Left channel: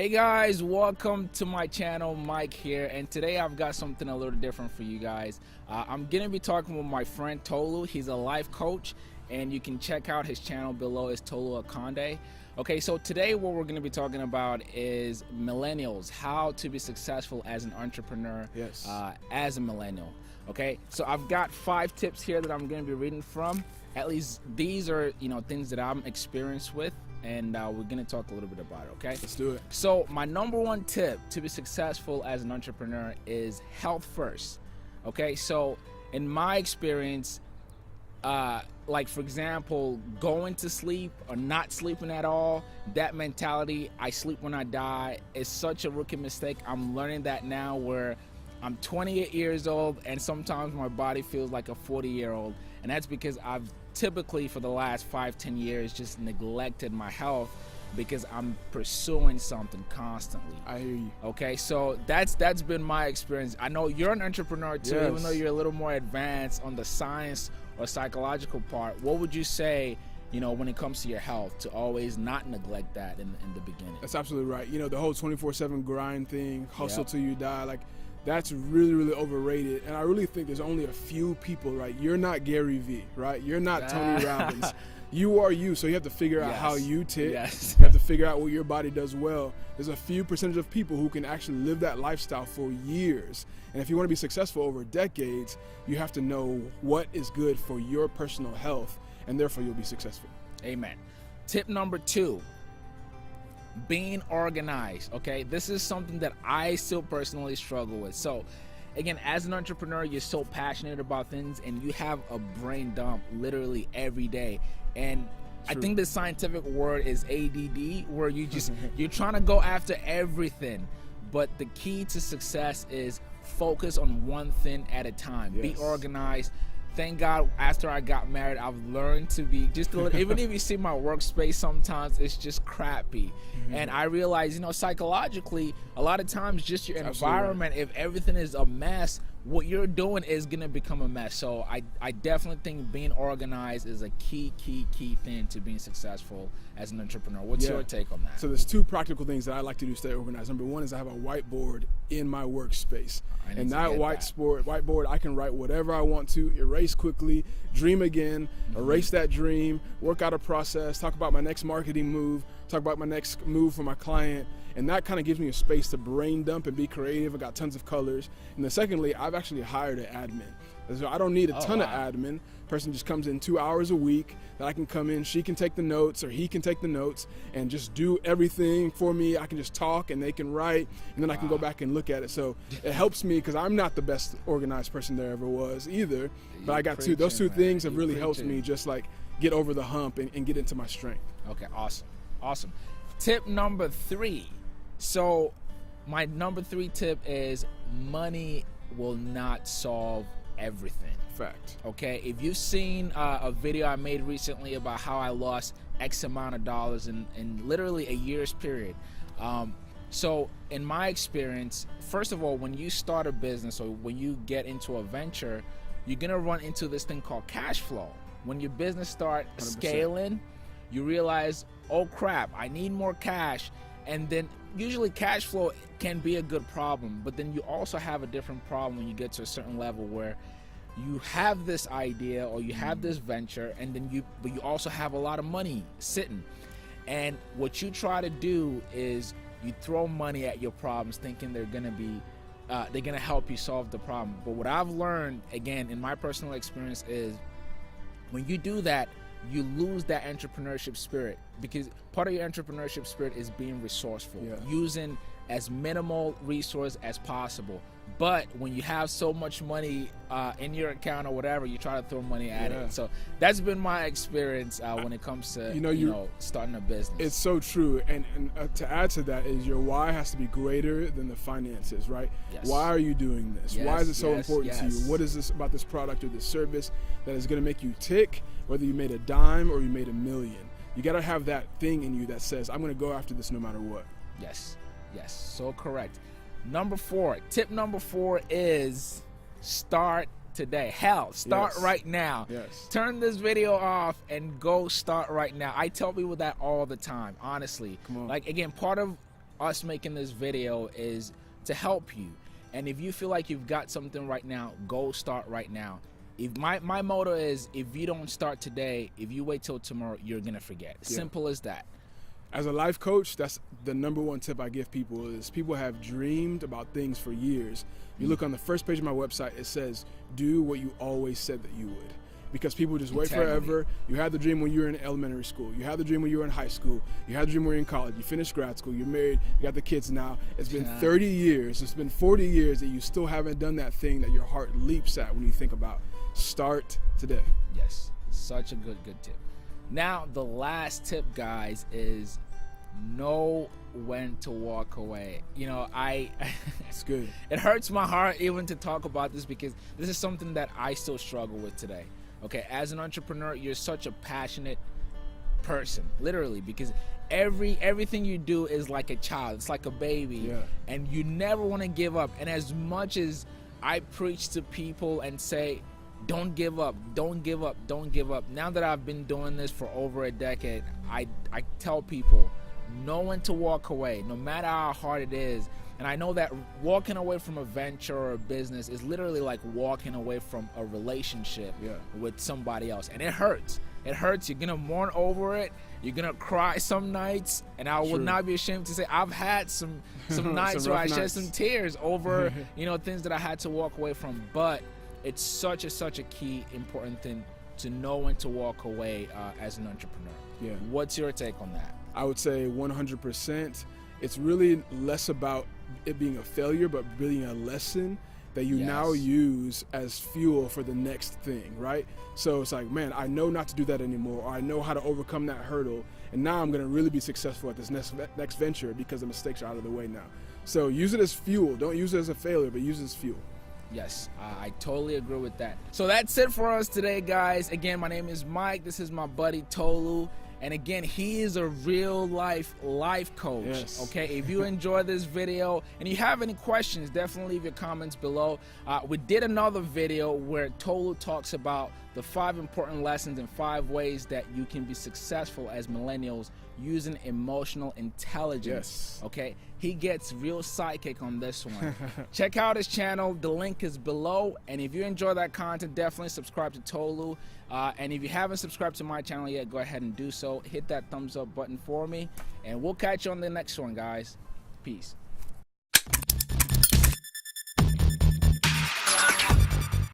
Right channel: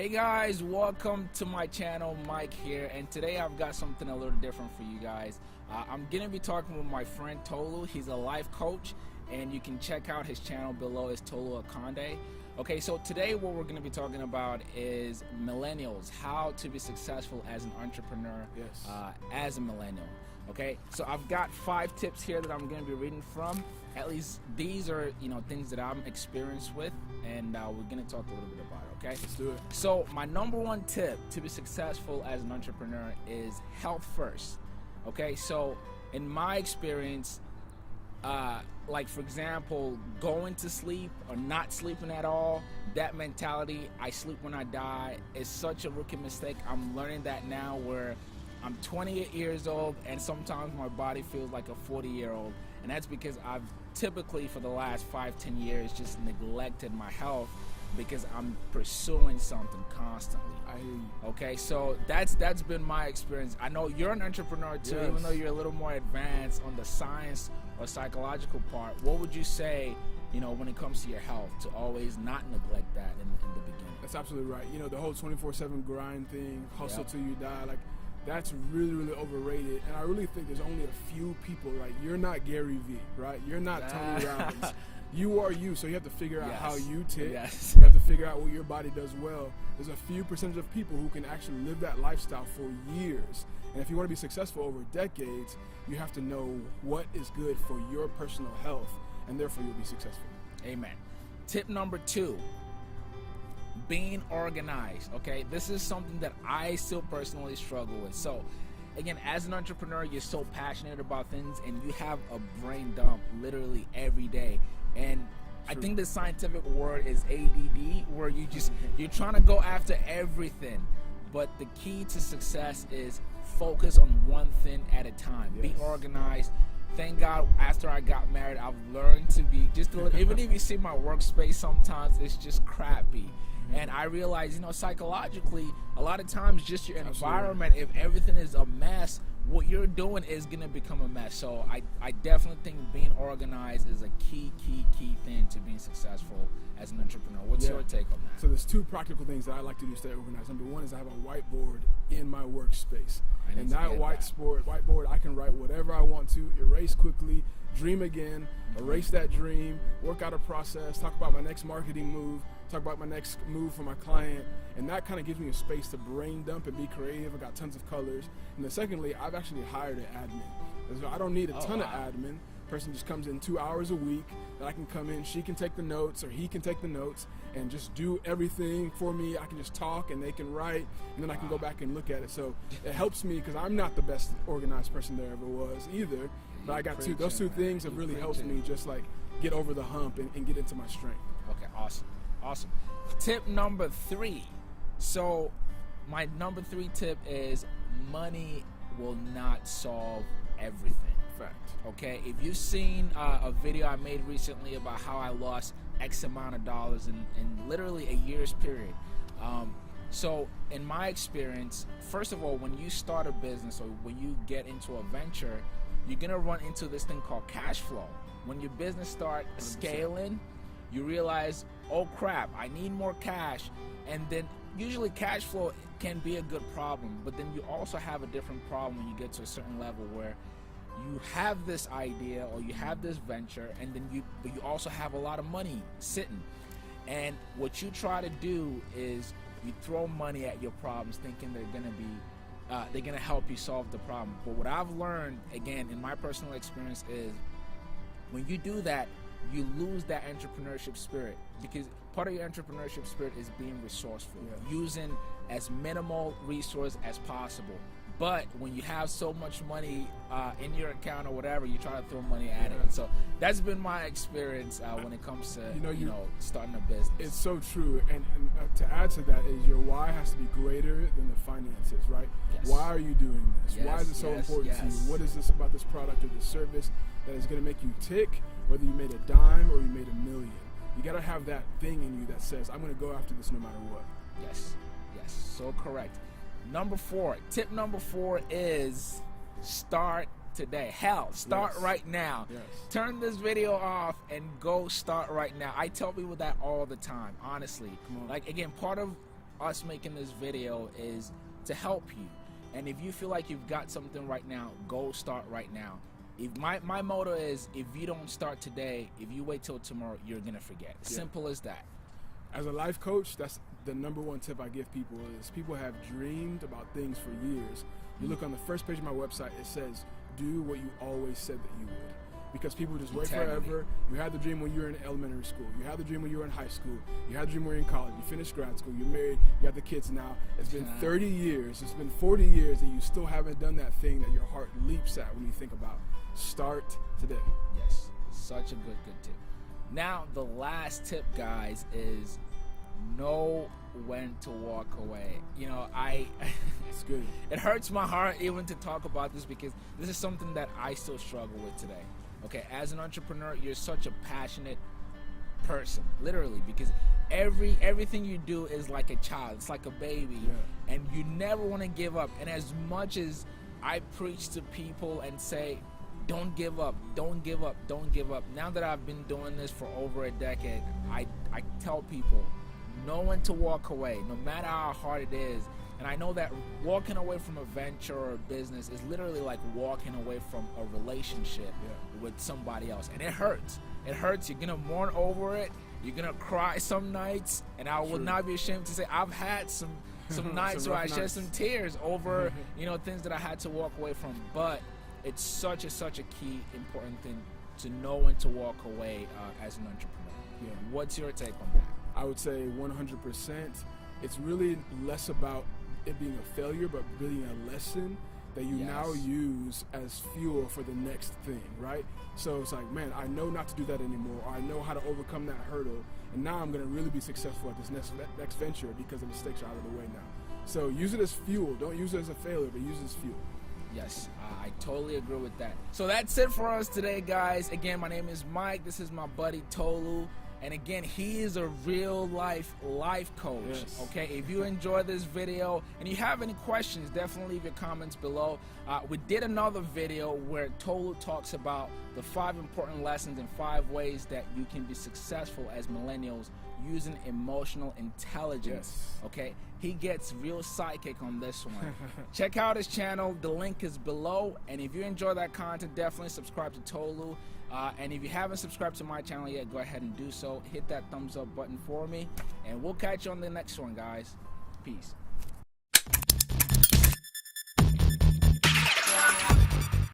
Hey guys, welcome to my channel. Mike here, and today I've got something a little different for you guys. I'm gonna be talking with my friend Tolu. He's a life coach, and you can check out his channel below. It's Tolu Akande. Okay, so today what we're gonna be talking about is millennials, how to be successful as an entrepreneur. Yes. As a millennial. Okay, so I've got 5 tips here that I'm gonna be reading from. At least these are, things that I'm experienced with, and we're gonna talk a little bit about it. Okay, Let's do it. so my number 1 tip to be successful as an entrepreneur is health first. Okay, so in my experience, like for example, going to sleep or not sleeping at all, that mentality, I sleep when I die, is such a rookie mistake. I'm learning that now, where I'm 28 years old and sometimes my body feels like a 40-year-old, and that's because I've typically for the last 5-10 years just neglected my health because I'm pursuing something constantly. I hear you. Okay, so that's been my experience. I know you're an entrepreneur too. Yes. Even though you're a little more advanced on the science or psychological part, what would you say, when it comes to your health, to always not neglect that in the beginning? That's absolutely right. The whole 24/7 grind thing, hustle Yep. till you die, like that's really, really overrated. And I really think there's only a few people, right? You're not Gary Vee, right? You're not Tony Robbins. You are you, so you have to figure out how you tick. Yes. You have to figure out what your body does well. There's a few percentage of people who can actually live that lifestyle for years. And if you want to be successful over decades, you have to know what is good for your personal health, and therefore you'll be successful. Amen. Tip number 2, being organized. Okay, this is something that I still personally struggle with. So again, as an entrepreneur, you're so passionate about things and you have a brain dump literally every day. And I think the scientific word is ADD, where you're trying to go after everything. But the key to success is focus on one thing at a time. Be organized. Thank God, after I got married, I've learned to be just a little, even if you see my workspace sometimes, it's just crappy. And I realize, psychologically, a lot of times just your environment, if everything is a mess, what you're doing is going to become a mess. So I definitely think being organized is a key thing to being successful as an entrepreneur. What's your take on that? So there's 2 practical things that I like to do to stay organized. Number 1 is I have a whiteboard in my workspace. And that whiteboard, I can write whatever I want to, erase quickly, dream again, erase that dream, work out a process, talk about my next marketing move, talk about my next move for my client. And that kind of gives me a space to brain dump and be creative. I got tons of colors. And then secondly, I've actually hired an admin. So I don't need a ton of admin. Person just comes in 2 hours a week that I can come in, she can take the notes or he can take the notes and just do everything for me. I can just talk and they can write, and then I can go back and look at it. So it helps me because I'm not the best organized person there ever was either. But I got those two things have really helped me just like get over the hump and get into my strength. Okay, awesome. Tip number 3. So my number 3 tip is money will not solve everything. Fact. Okay, if you've seen a video I made recently about how I lost X amount of dollars in literally a year's period. So in my experience, first of all, when you start a business or when you get into a venture, you're gonna run into this thing called cash flow. When your business starts scaling, you realize, oh crap, I need more cash. And then usually cash flow can be a good problem, but then you also have a different problem when you get to a certain level where you have this idea or you have this venture, and then you also have a lot of money sitting. And what you try to do is you throw money at your problems thinking they're gonna help you solve the problem. But what I've learned, again, in my personal experience, is when you do that, you lose that entrepreneurship spirit, because part of your entrepreneurship spirit is being resourceful, using as minimal resource as possible. But when you have so much money in your account or whatever, you try to throw money at it. So that's been my experience when it comes to starting a business. It's so true. And to add to that is your why has to be greater than the finances, right? Yes. Why are you doing this? Yes, why is it so important to you? What is this about this product or this service that is going to make you tick, whether you made a dime or you made $1 million? You got to have that thing in you that says, I'm going to go after this no matter what. Yes, so correct. Tip number 4 is start today. Start right now. Yes. Turn this video off and go start right now. I tell people that all the time, honestly. Come on. Like, again, part of us making this video is to help you. And if you feel like you've got something right now, go start right now. If my motto is, if you don't start today, if you wait till tomorrow, you're gonna forget. Simple as that. As a life coach, that's the number one tip I give people is people have dreamed about things for years. You look on the first page of my website, it says, do what you always said that you would. Because people just wait forever. You had the dream when you were in elementary school. You had the dream when you were in high school. You had the dream when you were in college. You finished grad school. You're married. You got the kids now. It's been 30 years. It's been 40 years that you still haven't done that thing that your heart leaps at when you think about. Start today. Yes, such a good tip. Now, the last tip, guys, is know when to walk away. You know, it's good. It hurts my heart even to talk about this because this is something that I still struggle with today. Okay, as an entrepreneur, you're such a passionate person, literally, because everything you do is like a child. It's like a baby, and you never want to give up. And as much as I preach to people and say, don't give up, don't give up, don't give up. Now that I've been doing this for over a decade, I tell people, know when to walk away, no matter how hard it is. And I know that walking away from a venture or a business is literally like walking away from a relationship with somebody else. And it hurts. It hurts. You're going to mourn over it. You're going to cry some nights. And I will not be ashamed to say I've had some nights where I shed some tears over, you know, things that I had to walk away from. But it's such a key, important thing to know when to walk away as an entrepreneur. What's your take on that? I would say 100%. It's really less about it being a failure, but being a lesson that you now use as fuel for the next thing, right? So it's like, man, I know not to do that anymore, or I know how to overcome that hurdle, and now I'm gonna really be successful at this next venture because the mistakes are out of the way now. So use it as fuel. Don't use it as a failure, but use it as fuel. Yes, I totally agree with that. So that's it for us today, guys. Again, my name is Mike. This is my buddy Tolu. And again, he is a real life coach. Okay, if you enjoy this video and you have any questions, definitely leave your comments below. We did another video where Tolu talks about the 5 important lessons and 5 ways that you can be successful as millennials using emotional intelligence. Okay, he gets real psychic on this one. Check out his channel. The link is below. And if you enjoy that content, definitely subscribe to Tolu. And if you haven't subscribed to my channel yet, go ahead and do so. Hit that thumbs up button for me. And we'll catch you on the next one, guys. Peace.